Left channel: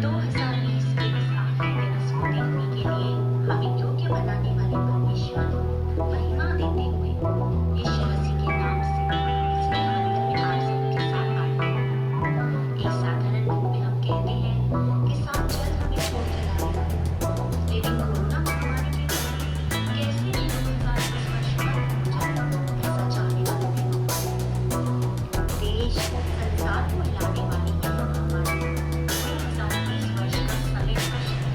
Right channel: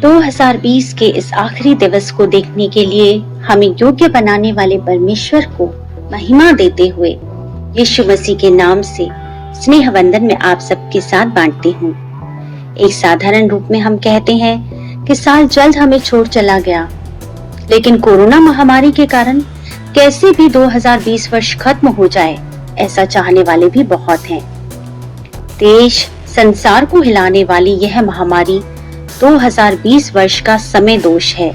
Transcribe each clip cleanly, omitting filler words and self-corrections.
2020 के इस आखिरी दिवस को देखने के लिए हमें योग्य बनाने वाले परमेश्वर को महिमा देते हुए यीशु मसीह के नाम से स्नेह वंदन में आप सबके साथ बांटती हूँ। एक साधारण रूप में हम कहते हैं कि साल जल्द हमें छोड़ चला गया, लेकिन कोरोना महामारी के कारण कैसे भी 2020 वर्ष खत्म हो जाए, ऐसा चाहने वाले भी बहुत हैं। देश संसार को हिलाने वाली यह महामारी 2020 वर्ष का समय दोष है,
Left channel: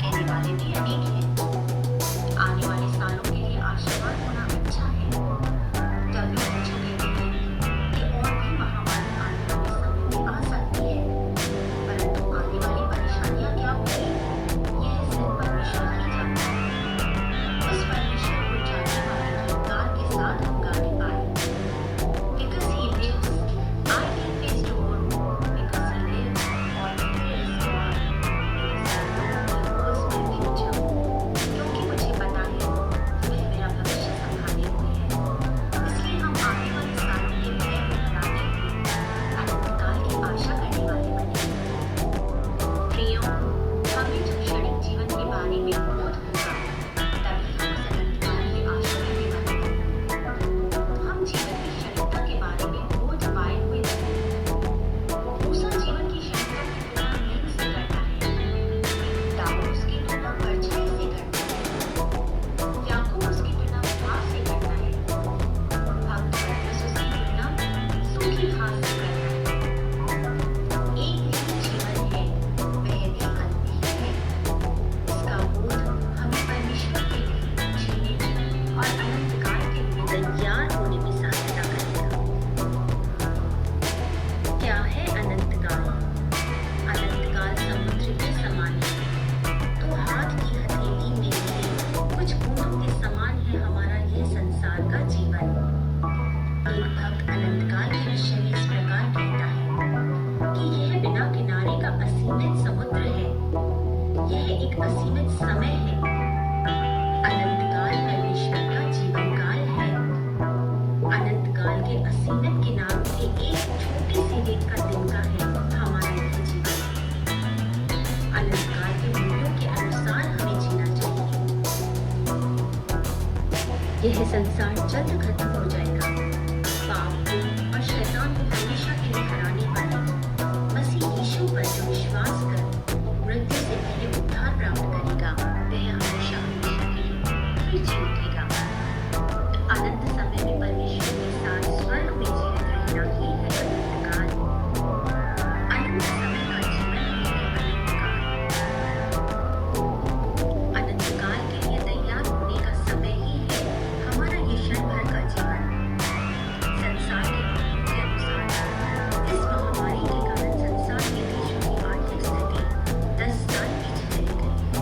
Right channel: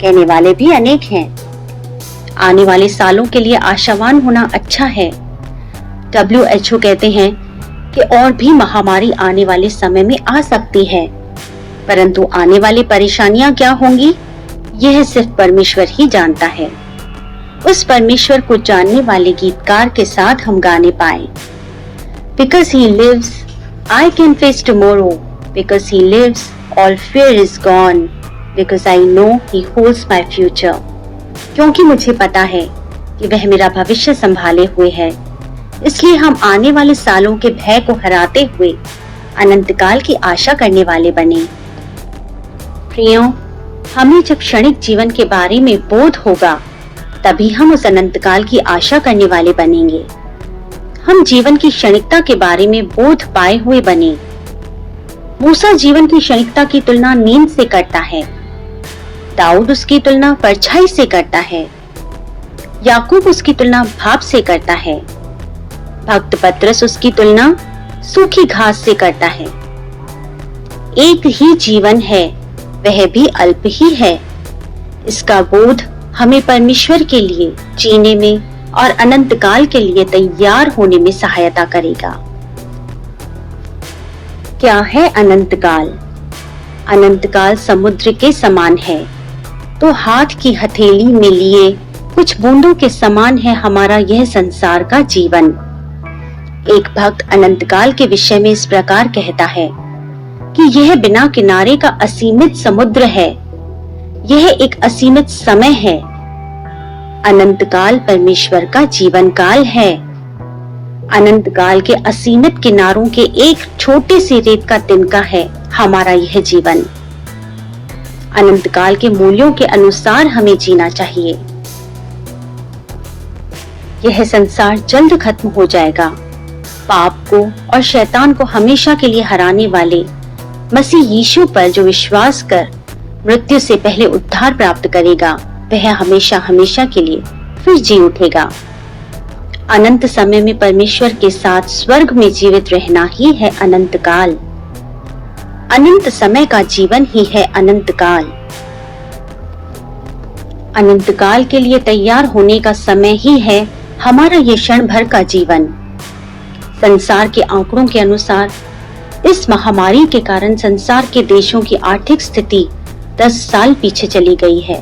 कहने वाले भी अनेक हैं। आने वाले सालों के लिए आशावान होना अच्छा है। WHO कहते हैं कि और भी महामारी आने वाले समय में आ सकती है, परंतु आने वाली परेशानियां क्या होंगी, यह सिर्फ परमेश्वर ही जानता है। उस परमेश्वर को जानने वाले गीतकार के साथ हम गाने पाए। Because he lives, I can face tomorrow. Because he lives, all fear is gone. Because I know he holds my future. क्योंकि मुझे पता है कि वह मेरा भविष्य संभाले हुए है, इसलिए हम आने वाले सालों के भय को हराते हुए अनंतकाल की आशा करने वाले बने। प्रियो, हमें जब क्षणिक जीवन के बारे में बोध होगा, तभी हम उस अनंतकाल की आशा करने वाले बनेंगे। हम जीवन की क्षणिकता के बारे में बोध पाए हुए बने। मूसा जीवन की क्षणिकता की तुलना नींद से करता है, दाऊद उसकी तुलना परछाई से करता है, याकूब उसकी तुलना भाप से करता है, भक्त पतरस उसकी तुलना सूखी घास से करता है। एक ही जीवन है, वह भी अल्प ही है। इसका बोध हमें परमेश्वर के लिए जीने में और अनंत काल के लिए तैयार होने में सहायता करेगा। क्या है अनंत काल? अनंत काल समुद्र के समान है, तो हाथ की हथेली में लिए कुछ बूंदों के समान है हमारा यह संसार का जीवन। एक भक्त अनंत काल के विषय में इस प्रकार कहता है कि यह बिना किनारे का असीमित समुद्र है, यह एक असीमित समय है। अनंत काल परमेश्वर का जीवन काल है। अनंत काल के असीमित किनारों के एक छोटे से रेत का तिनका है हमारा यह जीवन। अनंत काल के मूल्यों के अनुसार हमें जीना चाहिए। यह संसार जल्द खत्म हो जाएगा। पाप को और शैतान को हमेशा के लिए हराने वाले मसीह यीशु पर जो विश्वास कर मृत्यु से पहले उद्धार प्राप्त करेगा, वह हमेशा हमेशा के लिए फिर जी उठेगा। अनंत समय में परमेश्वर के साथ स्वर्ग में जीवित रहना ही है अनंत काल। अनंत समय का जीवन ही है अनंत काल। अनंत काल के लिए तैयार होने का समय ही है हमारा ये क्षण भर का जीवन। संसार के आंकड़ों के अनुसार इस महामारी के कारण संसार के देशों की आर्थिक स्थिति 10 साल पीछे चली गई है।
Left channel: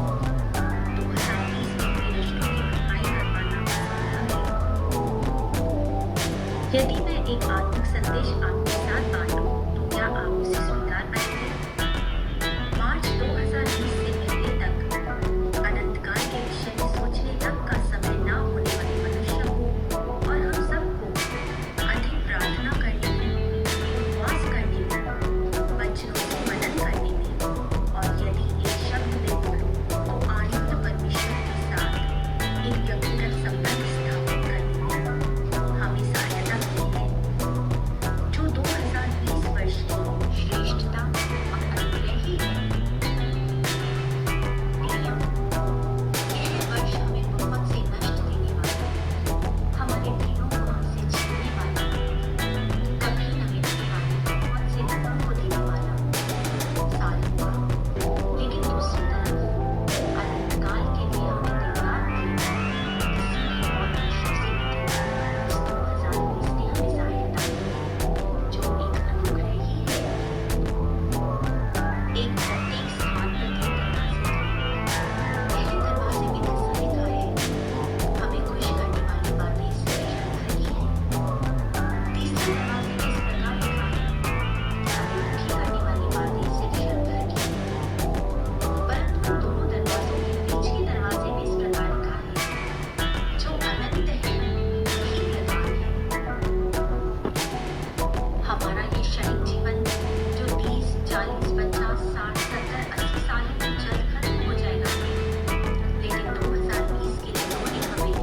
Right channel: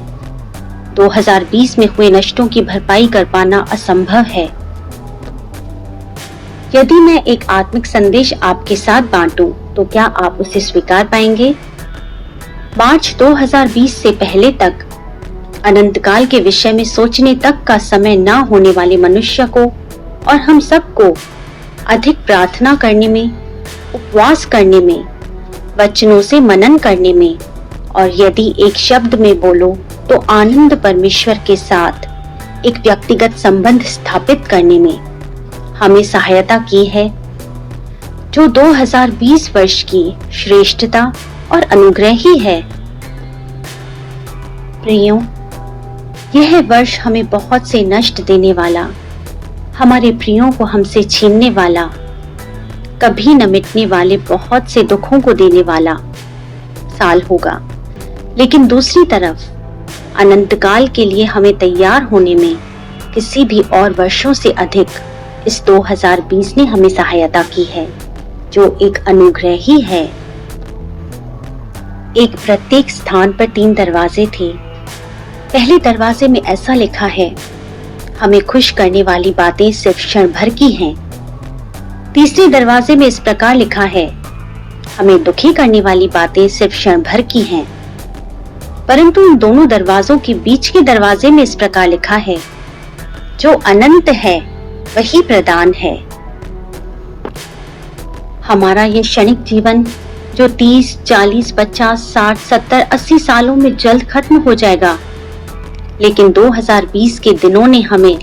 2020 में हुए नष्टों की भरपाई कर पाना असंभव है। यदि मैं एक आत्मिक संदेश आपके साथ बांटूं, तो क्या आप उसे स्वीकार पाएंगे? मार्च 2020 से पहले तक अनंतकाल के विषय में सोचने तक का समय न होने वाले मनुष्य को और हम सबको अधिक प्रार्थना करने में, उपवास करने में, वचनों से मनन करने में और यदि एक शब्द में बोलो तो आनंद परमेश्वर के साथ एक व्यक्तिगत संबंध स्थापित करने में हमें सहायता की है, जो 2020 वर्ष की श्रेष्ठता और अनुग्रह ही है। प्रियो, यह वर्ष हमें बहुत से नष्ट देने वाला, हमारे प्रियों को हमसे छीनने वाला, कभी न मिटने वाले बहुत से दुखों को देने वाला साल होगा। लेकिन दूसरी तरफ अनंतकाल के लिए हमें तैयार होने में किसी भी और वर्षों से अधिक इस 2020 ने हमें सहायता की है, जो एक अनुग्रह ही है। एक प्रत्येक स्थान पर 3 दरवाजे थे। पहले दरवाजे में ऐसा लिखा है, हमें खुश करने वाली बातें सिर्फ क्षण भर की हैं। तीसरे दरवाजे में इस प्रकार लिखा है, हमें दुखी करने वाली बातें सिर्फ क्षण भर की हैं। परंतु इन दोनों दरवाजों के बीच के दरवाजे में इस प्रकार लिखा है, जो अनंत है वही प्रदान है। हमारा ये क्षणिक जीवन जो 30, 40, 50, 60, 70, 80 सालों में जल्द खत्म हो जाएगा, लेकिन 2020 के दिनों ने हमें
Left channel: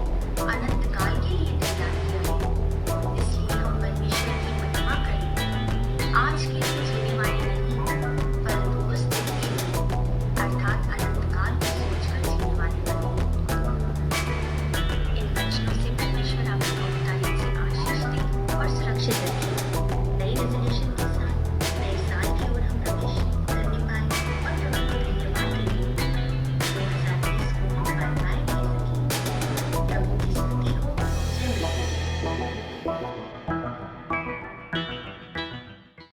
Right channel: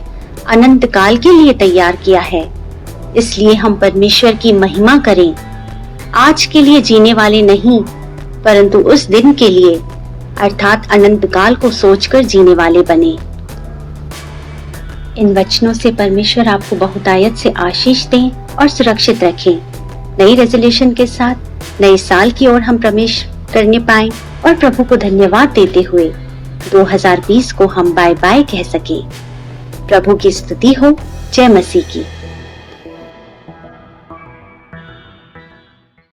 अनंत काल के लिए तैयार किया है। इसलिए हम परमेश्वर की महिमा करें। आज के लिए जीने वाले नहीं, परंतु उस दिन के लिए अर्थात अनंत काल को सोचकर जीने वाले बने। इन वचनों से परमेश्वर आपको बहुतायत से आशीष दें और सुरक्षित रखें। नई रेजोल्यूशन के साथ नए साल की ओर हम प्रवेश करने पाएं और प्रभु को धन्यवाद देते हुए 2020 को हम बाय बाय कह सकें। प्रभु की स्तुति हो। जय मसीह की।